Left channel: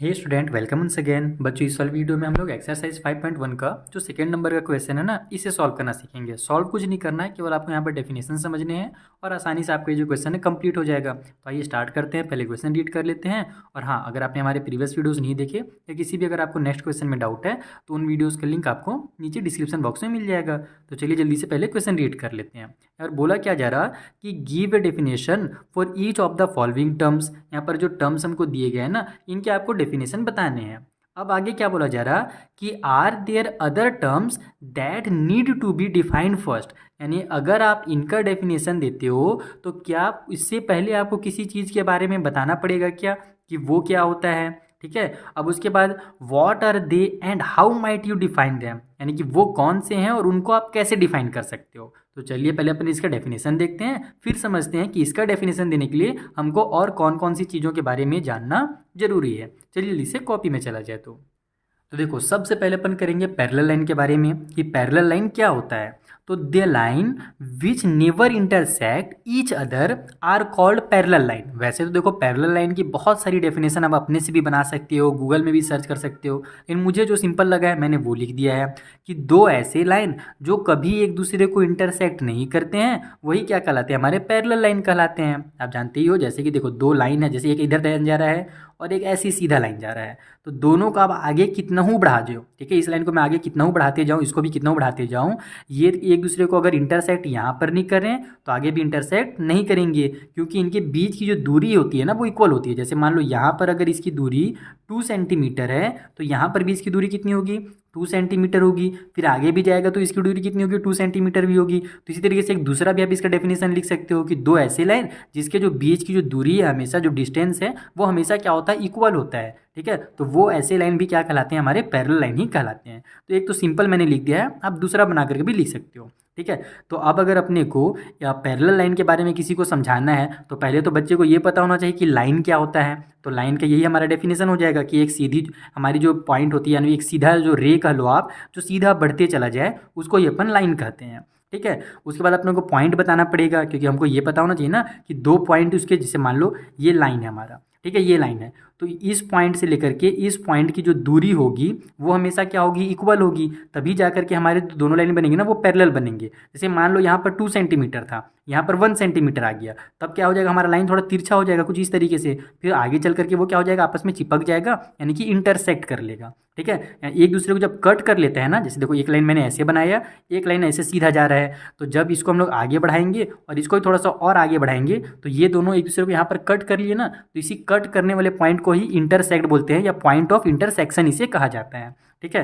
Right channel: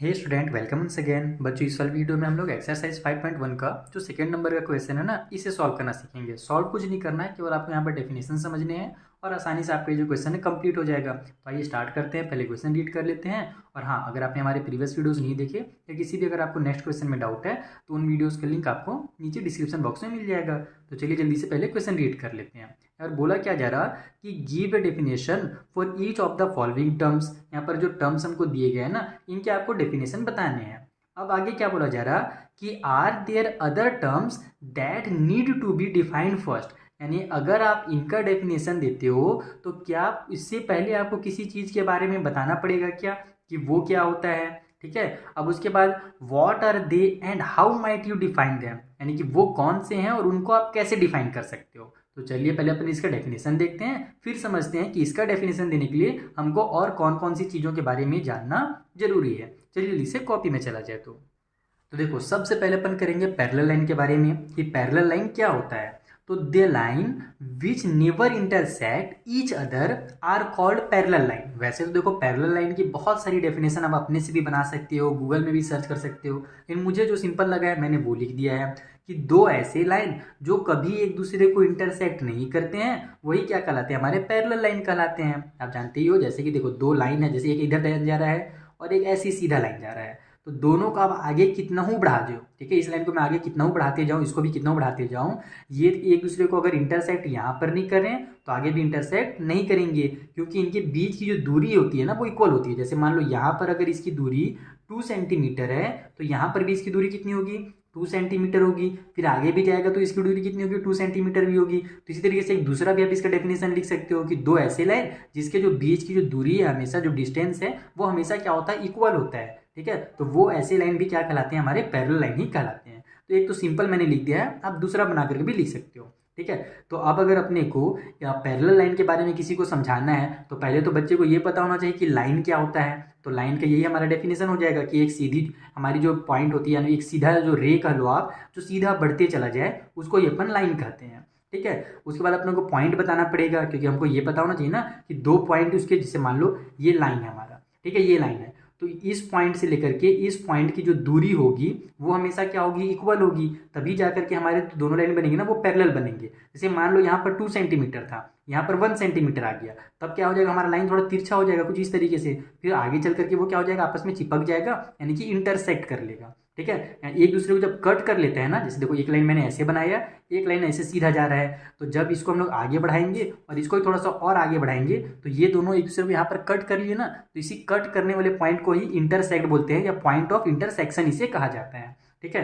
हे student, welcome once again. बच्चों, इस वाली वीडियो में हम लोग एक्सरसाइज 5.1 का जो सेकंड नंबर का क्वेश्चन है ना, इसे सॉल्व करना सीखेंगे। सॉल्व कुछ नहीं करना है, केवल आपको यहाँ पर डेफिनेशन समझने हैं और आसानी से आपका ये जो क्वेश्चन है कंप्लीट हो जाएगा। तो आइए स्टार्ट करते हैं। पहले क्वेश्चन रीड कर लेते हैं। और हाँ, अगर आपने हमारे प्रीवियस वीडियोज़ नहीं देखे या किसी भी अगर आपको नेक्स्ट क्वेश्चन में डाउट है तो उन वीडियोज़ का लिंक आपको नीचे डिस्क्रिप्शन बॉक्स में मिल जाएगा। तो चलिए जल्दी से पहले क्वेश्चन रीड कर लेते हैं। और बोला क्या जा रहा कि give a definition for each of the following terms. यहाँ पर जो टर्म्स हमको दिए गए हैं ना, इनके आपको डेफिनेशन बताने हैं। अब आगे क्या बोला जा रहा कि are there other terms that need to be defined first. यानी अगर आप इनका डेफिनेशन देते हो तो क्या इससे पहले आपको किसी चीज़ के बारे में बताना पड़ेगा क्या कि वो क्या होता है। ठीक है। अब उसके बाद what are they and how might you define them, यानी कि वो कौन से हैं और उनको आप कैसे डिफाइन कर सकते हो। तो चलिए पहले अपन इसका डेफिनेशन देखते हैं, फिर समझते हैं कि इसका डेफिनेशन देने के लिए हमको और कौन कौन सी चीज़ों के बारे में जानना जरूरी है। चलिए इसे कॉपी में चला जाए। तो देखो, सबसे पहले अपन करेंगे पैरेलल लाइन के बारे में कि पैरेलल लाइन क्या होता है। तो the line which never intersect each other are called parallel line. वैसे तो देखो, पैरेलल लाइन की बहुत सारी डेफिनेशन आप अपने से भी बना सकते हो, गूगल में भी सर्च कर सकते हो, लेकिन मुझे जो सिंपल लगा है मैंने वो लिख दिया है कि दो ऐसे लाइन जो कभी एक दूसरे को इंटरसेक्ट नहीं करते हैं वही क्या कहलाते हैं, हमारे पैरेलल लाइन कहलाते हैं। आप जानते ही हो, जैसे कि देखो दो लाइन है, जैसे एक इधर जा रहा है और एक ऐसी सीधा लाइन जा रहा है, तो दोनों को आप आगे कितना हूँ बढ़ा दो। ठीक है, इस लाइन को मैं आगे कितना हूँ बढ़ाते जाऊँ, इसको भी कितना हूँ बढ़ाते जाऊँ, ये एक दूसरे को अगर इंटरसेक्ट यहाँ पर नहीं करें तो आगे भी इंटरसेक्ट नहीं करेंगे, क्योंकि इनके बीच की जो दूरी होती है ना वो इक्वल होती है। जैसे मान लो यहाँ पर अगर इसकी दूरी 2 सेंटीमीटर है तो यहाँ पर भी इसकी दूरी कितनी होगी, 2 सेंटीमीटर होगी। फिर आगे भी जाएगा तो इसकी दूरी कितनी होगी, 2 सेंटीमीटर भी होगी। तो इसी तरीके से एक दूसरा भी आप इसका डेफिनेशन लिख सकते हो कि दो ऐसे लाइन जिसके जो बीच की जो दूरी है, हमेशा जो डिस्टेंस है वो हमेशा क्या होता है, इक्वल होता है। ठीक है, तो वो ऐसे लाइन भी क्या कहलाते हैं, हमारे पैरेलल लाइन ही कहलाते हैं। तो एक तो सिंपल मैंने लिख दिया है, आप दूसरा बना करके भी लिख सकते हो। ठीक है, तो अब अगर अपने को या पैरेलल लाइन के बारे में किसी को समझाना है तो पहले तो बच्चे को ये पता होना चाहिए कि लाइन क्या होता है। तो लाइन का यही हमारा डेफिनेशन हो जाएगा कि एक सीधी हमारी जो पॉइंट होती है, यानी एक सीधा जो रे कह लो आप, जो सीधा बढ़ते चला जाए उसको ये अपन लाइन कहते हैं। ठीक है, उसके बाद अपने को पॉइंट बताना पड़ेगा, क्योंकि हमको ये पता होना चाहिए ना कि दो पॉइंट उसके, जैसे मान लो ये लाइन है हमारा, ठीक है, ये लाइन है, तो इस पॉइंट से लेकर के इस पॉइंट की जो दूरी होगी वो हमेशा क्या होगी, इक्वल होगी। तभी जाकर के हमारे दोनों लाइन बनेंगे ना, वो पैरेलल बनेंगे। जैसे मान लो यहाँ पर 2 सेंटीमीटर था, यहाँ पर 1 सेंटीमीटर आ गया, तब क्या हो जाएगा, हमारा लाइन थोड़ा तिरछा हो जाएगा कुछ इस तरीके से। फिर आगे चल करके वो क्या हो जाएगा, आपस में चिपक जाएगा, यानी कि इंटरसेक्ट कर लेगा। ठीक है, एक दूसरे को जब कट कर लेते हैं ना, जैसे देखो एक लाइन मैंने ऐसे बनाया, एक लाइन ऐसे सीधा जा रहा है, तो जब इसको हम लोग आगे बढ़ाएंगे और इसको थोड़ा सा और आगे बढ़ाएंगे तो ये दोनों एक दूसरे को यहाँ पर कट कर लिए ना, तो इसी कट करने वाले पॉइंट को ही इंटरसेक्ट बोलते हैं, या पॉइंट ऑफ इंटरसेक्शन इसे कहा जाता है। ठीक है,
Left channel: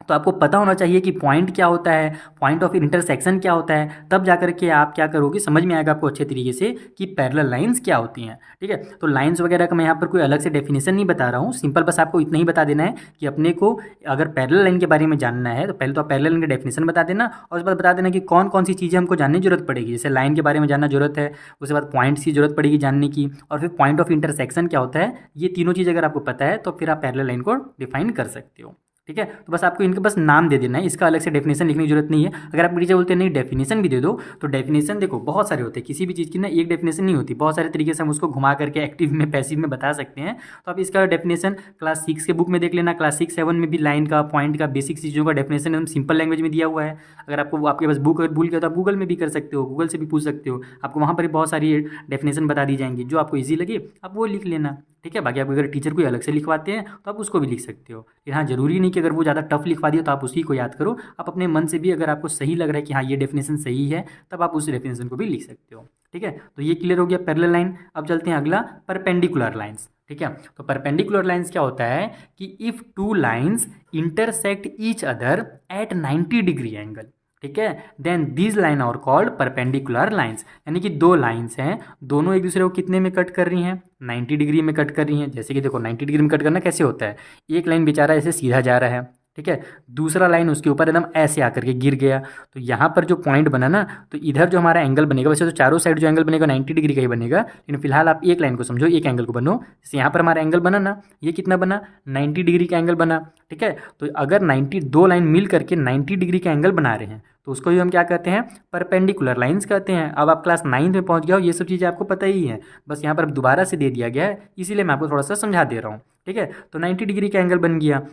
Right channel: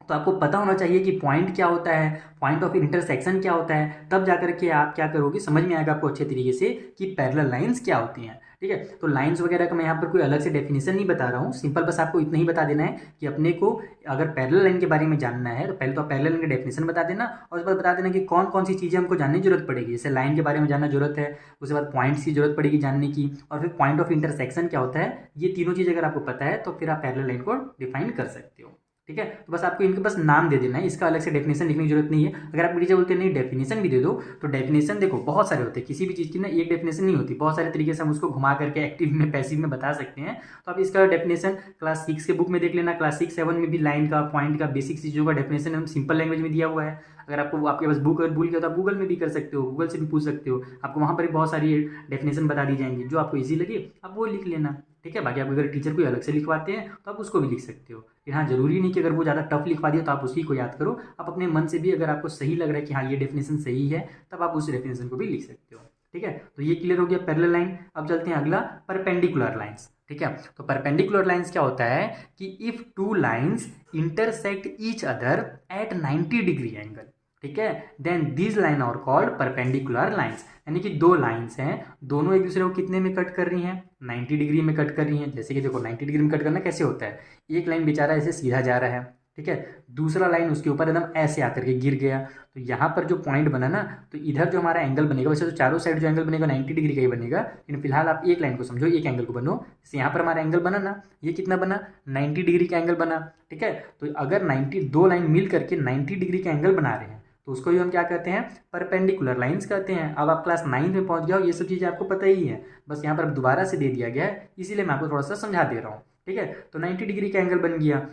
तो आपको पता होना चाहिए कि पॉइंट क्या होता है, पॉइंट ऑफ इंटरसेक्शन क्या होता है, तब जाकर के आप क्या करोगे, समझ में आएगा आपको अच्छे तरीके से कि पैरेलल लाइंस क्या होती हैं। ठीक है, तो लाइंस वगैरह का मैं यहाँ पर कोई अलग से डेफिनेशन नहीं बता रहा हूँ, सिंपल बस आपको इतना ही बता देना है कि अपने को अगर पैरेलल लाइन के बारे में जानना है तो पहले तो आप पैरेलल लाइन का डेफिनेशन बता देना, और उसके बाद बता देना कि कौन कौन सी चीज़ें हमको जानने की जरूरत पड़ेगी। जैसे लाइन के बारे में जानना जरूरत है, उसके बाद पॉइंट्स की जरूरत पड़ेगी जानने की, और फिर पॉइंट ऑफ इंटरसेक्शन क्या होता है। ये तीनों चीज़ अगर आपको पता है तो फिर आप पैरेलल लाइन को डिफाइन कर सकते हो। ठीक है, तो बस आपको इनके बस नाम दे देना है, इसका अलग से डेफिनेशन लिखने की जरूरत नहीं है। अगर आप टीचर बोलते हैं नहीं डेफिनेशन भी दे दो, तो डेफिनेशन देखो बहुत सारे होते हैं, किसी भी चीज़ की ना एक डेफिनेशन नहीं होती, बहुत सारे तरीके से हम उसको घुमा करके एक्टिव में पैसिव में बता सकते हैं। तो आप इसका डेफिनेशन क्लास 6 के बुक में देख लेना, क्लास 6-7 में भी लाइन का, पॉइंट का, बेसिक चीज़ों का डेफिनेशन एकदम सिंपल लैंग्वेज में दिया हुआ है। अगर आपको आपके पास बुक अगर भूल गया तो आप गूगल में भी कर सकते हो, गूगल से भी पूछ सकते हो, आपको वहाँ पर भी बहुत सारी डेफिनेशन बता दी जाएंगी, जो आपको ईजी लगे आप वो लिख लेना। ठीक है, बाकी आप अगर टीचर कोई अलग से लिखवाते हैं तो आप उसको भी लिख सकते हो। फिर हाँ, जरूरी नहीं कि अगर वो ज़्यादा टफ लिखवा दिया तो आप उसी को याद करो, आप अपने मन से भी अगर आपको सही लग रहा है कि हाँ ये डेफिनेशन सही है, तब आप उस डेफिनेशन को भी लिख सकते हो। ठीक है, तो ये क्लियर हो गया पैरेलल लाइन। अब चलते हैं अगला, परपेंडिकुलर लाइंस। ठीक है, तो परपेंडिकुलर लाइंस क्या होता है कि if two lines intersect each other at 90 degree angle, ठीक है, then these line are called perpendicular lines. यानी कि दो लाइंस हैं, दोनों एक दूसरे को कितने में कट कर रही हैं, 90 डिग्री में कट कर रही हैं। जैसे कि देखो 90 डिग्री में कट करना कैसे होता है, एक लाइन बेचारा ऐसे सीधा जा रहा है, ठीक है, दूसरा लाइन उसके ऊपर एकदम ऐसे आकर के गिर गया, तो यहाँ पर जो पॉइंट बना ना, तो इधर जो हमारा एंगल बनेगा, वैसे तो चारों साइड जो एंगल बनेगा 90 डिग्री का ही बनेगा, लेकिन फिलहाल आप एक लाइन को समझो, एक एंगल को बनो। जैसे यहाँ पर हमारा एंगल बना ना, ये कितना बना, 90 डिग्री का एंगल बना। ठीक है, तो अगर 92 लाइन मिल करके 90 डिग्री का एंगल बना रहे हैं तो उसको ही हम क्या कहते हैं, परपेंडिकुलर लाइंस कहते हैं। अब आप क्लास 9 में पहुंच गया हो, ये सब चीज़ें आपको पता ही है, बस यहाँ पर अब दोबारा से दे दिया गया है, इसीलिए मैं आपको थोड़ा सा समझा दे रहा हूँ। ठीक है, तो 90 डिग्री का एंगल बन गया।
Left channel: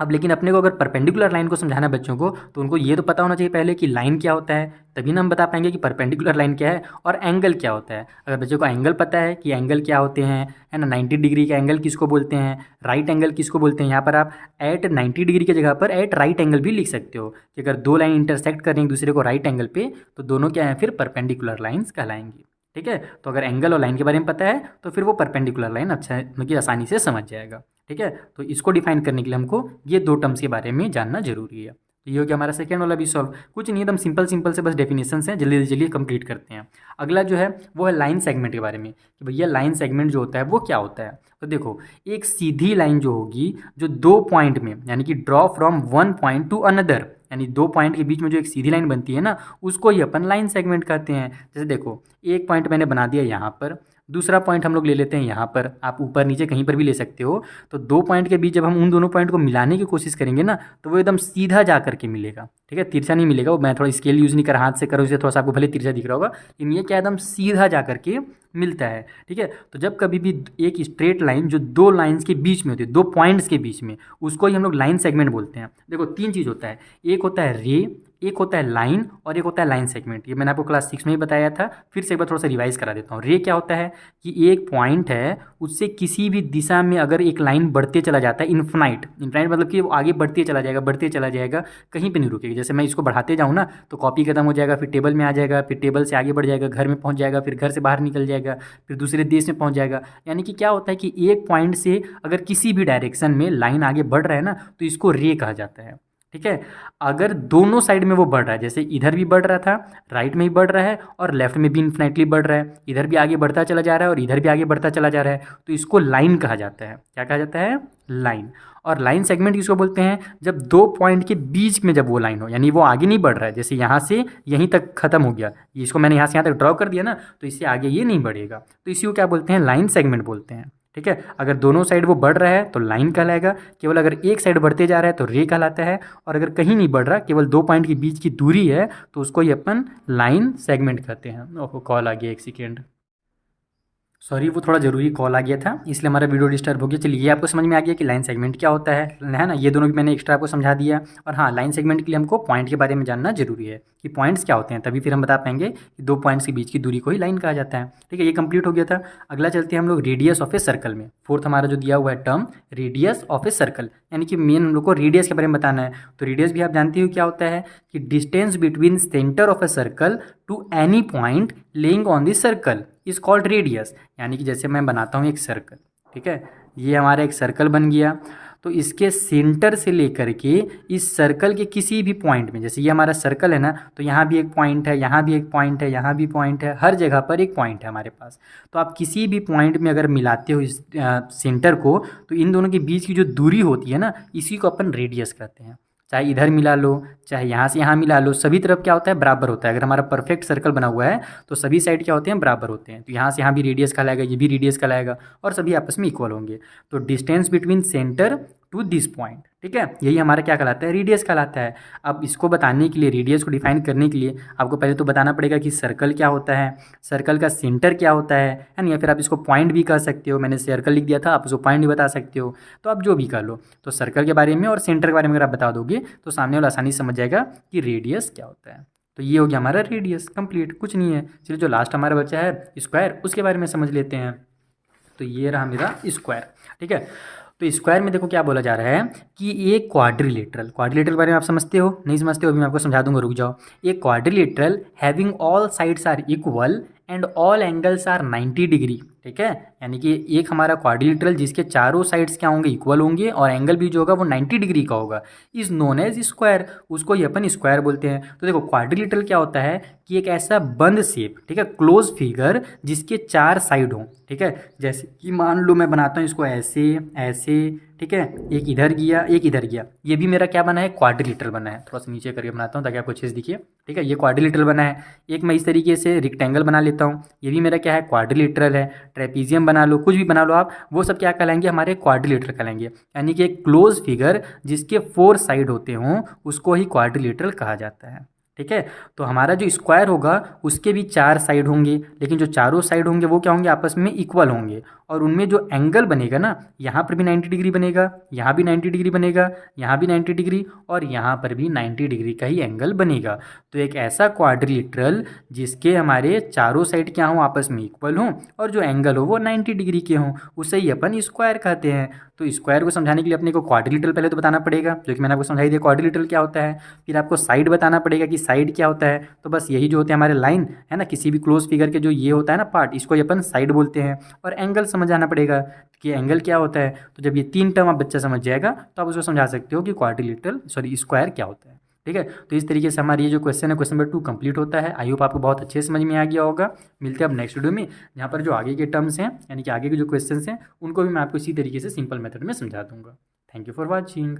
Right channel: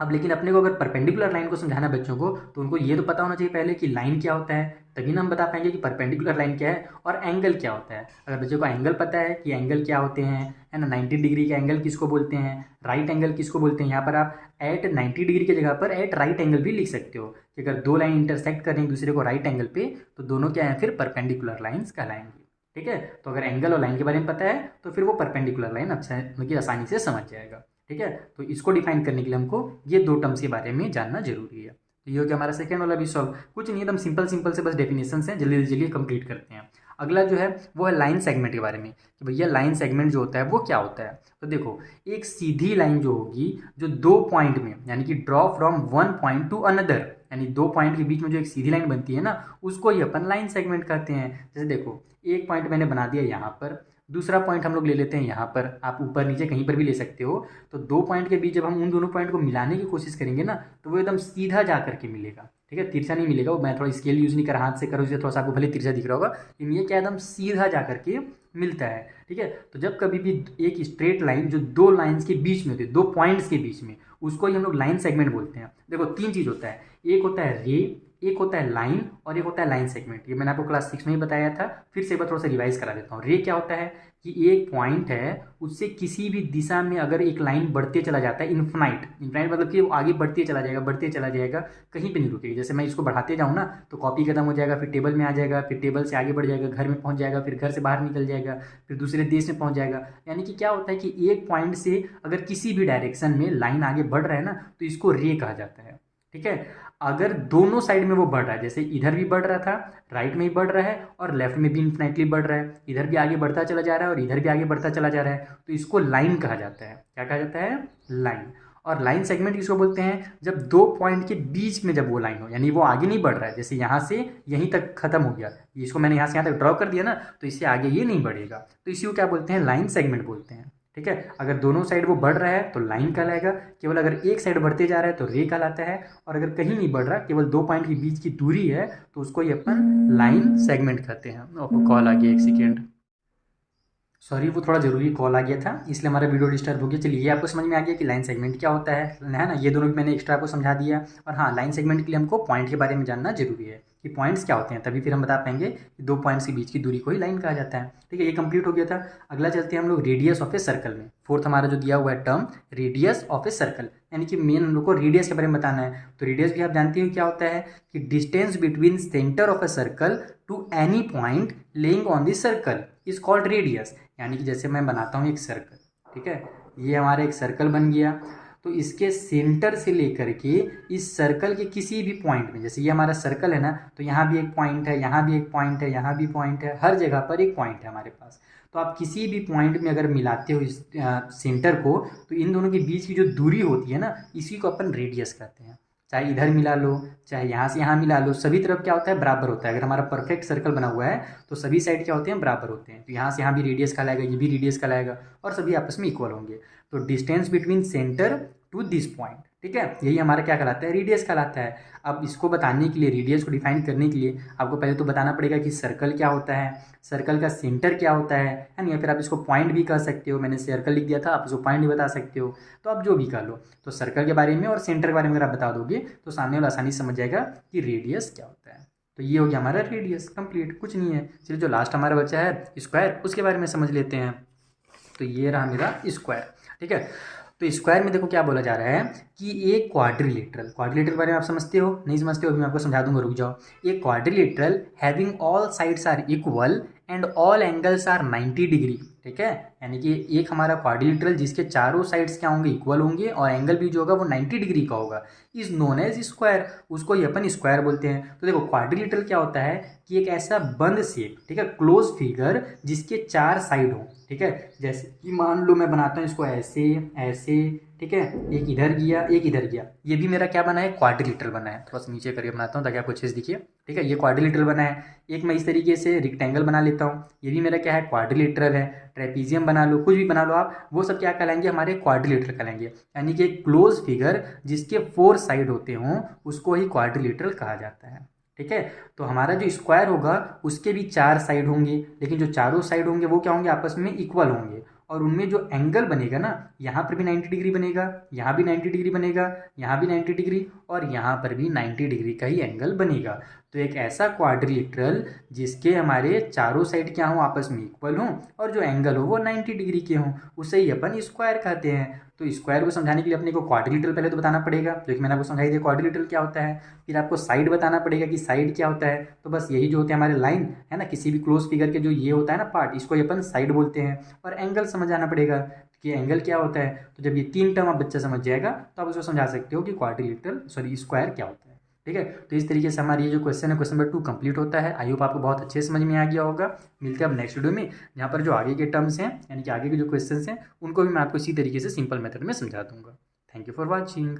अब लेकिन अपने को अगर परपेंडिकुलर लाइन को समझाना है बच्चों को, तो उनको ये तो पता होना चाहिए पहले कि लाइन क्या होता है, तभी ना हम बता पाएंगे कि परपेंडिकुलर लाइन क्या है और एंगल क्या होता है। अगर बच्चों को एंगल पता है कि एंगल क्या होते हैं, है ना, 90 डिग्री का एंगल किसको बोलते हैं, राइट एंगल किसको बोलते हैं, यहाँ पर आप एट 90 डिग्री की जगह पर एट राइट एंगल भी लिख सकते हो कि अगर दो लाइन इंटरसेक्ट कर रही हैं एक दूसरे को राइट एंगल पे, तो दोनों क्या है, फिर परपेंडिकुलर लाइन्स कहलाएंगी। ठीक है, तो अगर एंगल और लाइन के बारे में पता है तो फिर वो परपेंडिकुलर लाइन अच्छा मतलब आसानी से समझ जाएगा। ठीक है, तो इसको डिफाइन करने के लिए हमको ये दो टर्म्स के बारे में जानना जरूरी है। तो ये हो गया हमारा सेकेंड वाला भी सॉल्व। कुछ नहीं, एकदम सिंपल सिंपल से बस डेफिनेशन हैं, जल्दी जल्दी कंप्लीट करते हैं। अगला जो है वो है लाइन सेगमेंट के बारे में, कि भैया लाइन सेगमेंट जो होता है वो क्या होता है। तो देखो, एक सीधी लाइन जो होगी, जो दो पॉइंट में, यानी कि draw from one point two another, यानी दो पॉइंट के बीच में जो एक सीधी लाइन बनती है ना, उसको ही अपन लाइन सेगमेंट कहते हैं। जैसे देखो, एक पॉइंट मैंने बना दिया यहाँ पर, दूसरा पॉइंट हम लोग ले लेते हैं यहाँ पर, आप ऊपर नीचे कहीं पर भी ले सकते हो। तो दो पॉइंट के बीच जब हम उन दोनों पॉइंट को मिलाने की कोशिश करेंगे ना, तो वो एकदम सीधा जा करके मिलेगा। ठीक है, तिरछा नहीं मिलेगा। वो मैं थोड़ा स्केल यूज़ नहीं कर हाथ से करूँ, इसलिए थोड़ा सा आपको भले तिरछा दिख रहा होगा, लेकिन ये क्या एकदम सीधा जा करके मिलता है। ठीक है, तो जब कभी भी एक स्ट्रेट लाइन जो दो लाइन्स के बीच में होती है, दो पॉइंट्स के बीच में, उसको ही हम लोग लाइन सेगमेंट बोलते हैं। देखो, तीन चीज़ होता है, एक होता है रे, एक होता है लाइन, और एक होता है लाइन सेगमेंट। ये मैंने आपको क्लास 6 में ही बताया था, फिर से एक बार थोड़ा सा रिवाइज करा देता हूँ। रे क्या होता है कि एक पॉइंट है, उससे किसी भी दिशा में अगर एक लाइन बढ़ते चला जाता है, इन्फिनाइट, इन्फिनाइट मतलब कि वो आगे बढ़ते चला जाएगा, बढ़ते चला जाएगा, कहीं पे नहीं रुकेगी। जैसे मैं इसको बढ़ाते जाऊँ ना, तो कॉपी खत्म हो जाएगा, फिर टेबल में आ जाएगा, फिर टेबल से आगे बढ़ जाएगा, घर में पहुँच जाएगा, फिर घर से बाहर निकल जाएगा, फिर दूसरे देश में पहुँच जाएगा। यानी कि क्या होता है कि एक पॉइंट से अगर किसी भी डायरेक्शन में लाइन आगे बढ़ रहा है ना, तो इसको रे कहा जाता है। ठीक है, अगर दोनों साइड में वो बढ़ रहा है, जैसे इधर भी बढ़ रहा था, राइट में भी बढ़ रहा है, और लेफ्ट में भी इन्फिनाइटली बढ़ रहा है, इधर भी आगे बढ़ता चला जा रहा है और इधर भी आगे बढ़ता चला जा रहा है, तो इसको लाइन कहा जाता है। क्या कहा जाता है? लाइन। और लाइन सेगमेंट किसको बोलते हैं? जब दो पॉइंट के बीच में जब वो लाइन हो, यानी वो आगे नहीं बढ़ रहा है, जैसे यहाँ से यहीं तक खत्म हो गया, इसको मैंने यहाँ से यहाँ तक ड्रॉ कर दिया ना, तो इससे आगे ये नहीं बढ़ेगा, तो इसी को क्या बोलते हैं? लाइन सेगमेंट बोलते हैं। ठीक है, अगर दोनों साइड वो बढ़ रहा है तो लाइन कहलाएगा, केवल अगर एक साइड बढ़ते जा रहा है तो रे कहलाता है, और अगर कहीं नहीं बढ़ रहा, केवल दो पॉइंट के बीच की दूरी है, तो उसको ही अपन लाइन सेगमेंट कहते हैं। ओह, कॉल आ गया, एक सेकेंड, सॉरी, वो थोड़ा ज़रूरी कॉल आ गया था, इसलिए हमारा वीडियो डिस्टर्ब हो गया। चलिए, ये आपको समझ में आ गया कि लाइन सेगमेंट क्या होता है ना, ये दोनों भी मैंने एक्स्ट्रा आपको समझा दिया। और हाँ, लाइन सेगमेंट के लिए हमको पॉइंट के बारे में जानना जरूरी है कि पॉइंट्स क्या होते हैं, तभी फिर हम बता पाएंगे कि दो पॉइंट्स के बीच की दूरी को ही लाइन कहा जाता है। ठीक है, ये कंप्लीट हो गया था। अगला चलते हैं हम लोग रेडियस ऑफ ए सर्कल में। फोर्थ हमारा जो दिया हुआ है term, radius of a circle, यानी कि मेन हम लोग को रेडियस के बारे में बताना है। तो रेडियस भी आप जानते हो क्या होता है, कि distance between centre of a circle to any point lying on the circle is called radius. यानी कि जैसे मैं बनाता हूँ एक सर्कल, ठीक है, ये हमारा एक सर्कल बन गया, तो इसके सेंटर से लेकर के इस सर्कल के किसी भी पॉइंट में, जैसे ये हमारा सर्कल है ना, तो यहाँ भी एक पॉइंट है, यहाँ भी एक पॉइंट है, यहाँ भी पॉइंट है, हर जगह पर एक पॉइंट है हमारे पास। तो आप किसी भी पॉइंट में अगर मिलाते हो इस सेंटर को, तो इन दोनों के बीच की जो दूरी होती है ना, इसी को अपन रेडियस कहते हैं। चाहे इधर मिला लो, चाहे यहाँ से यहाँ मिला लो, सभी तरफ क्या होता है? बराबर होता है। अगर हमारा परफेक्ट सर्कल बना हुआ है तो सभी साइड क्या होते हैं? बराबर होते हैं। तो यहाँ से यहाँ भी रेडियस कहलाएगा, ये भी रेडियस कहलाएगा, और सभी आपस में इक्वल होंगे। तो distance between centre to this point, ठीक है, यही हमारा क्या कहलाता है? रेडियस कहलाता है। अब इसको बताने के लिए, रेडियस को डिफाइन करने के लिए आपको पहले तो बताना पड़ेगा कि सर्कल क्या होता है, सर्कल का सेंटर क्या होता है ना, या फिर आप इसको पॉइंट भी कह सकते हो। मैंने सर्कल लिख दिया था, आप उसको पॉइंट भी बता सकते हो, तो आप जो भी कह लो। तो सर्कल के बारे में और सेंटर के बारे में अगर आप बता दोगे तो सामने वाला आसानी से समझ जाएगा कि रेडियस क्या होता है। तो ये हो गया हमारा रेडियस कंप्लीट, कुछ नहीं है। चलिए, जो लास्ट हमारा बचा है स्क्वायर, उसके बारे में समझ लेते हैं। तो ये रहा मेरा स्क्वायर, ठीक है। तो स्क्वायर में देखो क्या बोला जा रहा है कि एक क्वाड्रिलेटरल, क्वाड्रिलेटरल के बारे में आप समझते हो? नहीं समझते हो? अभी मैं आपको समझा दूंगा, रुक जाओ। एक quadrilateral having all sides are equal and all angles are 90 degree, ठीक है, यानी कि एक हमारा क्वाड्रिलेटरल जिसके चारों साइड्स क्या होंगे? इक्वल होंगे, और एंगल भी जो होगा वो 90 डिग्री का होगा, इज नोन एज स्क्वायर, उसको ही अपन स्क्वायर बोलते हैं। तो देखो, क्वाड्रिलेटरल क्या होता है कि एक ऐसा बंद शेप, ठीक है, क्लोज फिगर जिसके चार साइड हों, ठीक है। जैसे कि मान लो मैं बनाता हूँ इसको ऐसे ऐसे, ठीक है, एक इधर गया एक इधर गया, ये भी मेरा क्या बना है? क्वाड्रिलेटरल बना है। थोड़ा सा नीचे करके बनाता हूँ ताकि आपको अच्छे से दिखिए, ठीक है, ये क्वाड्रिलेटरल बना है। एक मैं इस तरीके से रेक्टेंगल बना लेता हूँ, ये भी मेरा क्या है? क्वाड्रिलेटरल है। ट्रेपीजियम बना लो, कुछ भी बना लो आप, वो सब क्या कहलाएंगे? हमारे क्वाड्रिलेटरल कहलाएंगे। यानी कि एक क्लोज फिगर जिसके 4 साइड होते हों, उसको ही क्वाड्रिलेटरल कहा जाता है। ठीक है। तो हमारा जो स्क्वायर होगा उसके भी 4 साइड होंगे, लेकिन जो चारों साइड होंगे वो क्या होंगे, आपस में इक्वल होंगे। और उनमें जो एंगल बनेगा ना, यहाँ पर भी 90 डिग्री बनेगा, यहाँ भी 90 डिग्री बनेगा, यहाँ भी 90 डिग्री, और यहाँ पर भी 90 डिग्री का ही एंगल बनेगा। तो एक ऐसा क्वाड्रिलेटरल जिसके हमारे चारों साइड क्या हों, आपस में इक्वल हों, और जो एंगल हो वो 90 डिग्री के हों, उसे ही अपन स्क्वायर कहते हैं। तो स्क्वायर को समझाने के लिए अपने को क्वाड्रिलेटरल पहले तो बताना पड़ेगा, जो कि मैंने आपको समझाई दिया क्वाड्रिलेटरल क्या होता है। फिर आपको साइड बताना पड़ेगा कि साइड क्या होता है। तो बस यही जो होते हैं हमारे लाइन है ना, किसी भी क्लोज फिगर के जो ये होता है ना पार्ट, इसको ही अपन साइड बोलते हैं। और एंगल समझ जाना पड़ेगा कि एंगल क्या होता है। तो जब ये 3 टर्म आप बच्चा समझ जाएगा तो आप उसको समझा सकते हो कि क्वाड्रिलेटरल सॉरी स्क्वायर क्या होता है। ठीक है। तो इस तरीके से हमारी ये जो क्वेश्चन है, क्वेश्चन नंबर 2 कंप्लीट होता है। आई होप आपको बहुत अच्छे से समझ में आ गया होगा। मिलते हैं अब नेक्स्ट वीडियो में, जहाँ पर जो आगे के टर्म्स हैं यानी कि आगे के जो क्वेश्चंस हैं उनको भी मैं आपको इसी तरीके से सिंपल मेथड में समझा दूंगा। Thank you for watching.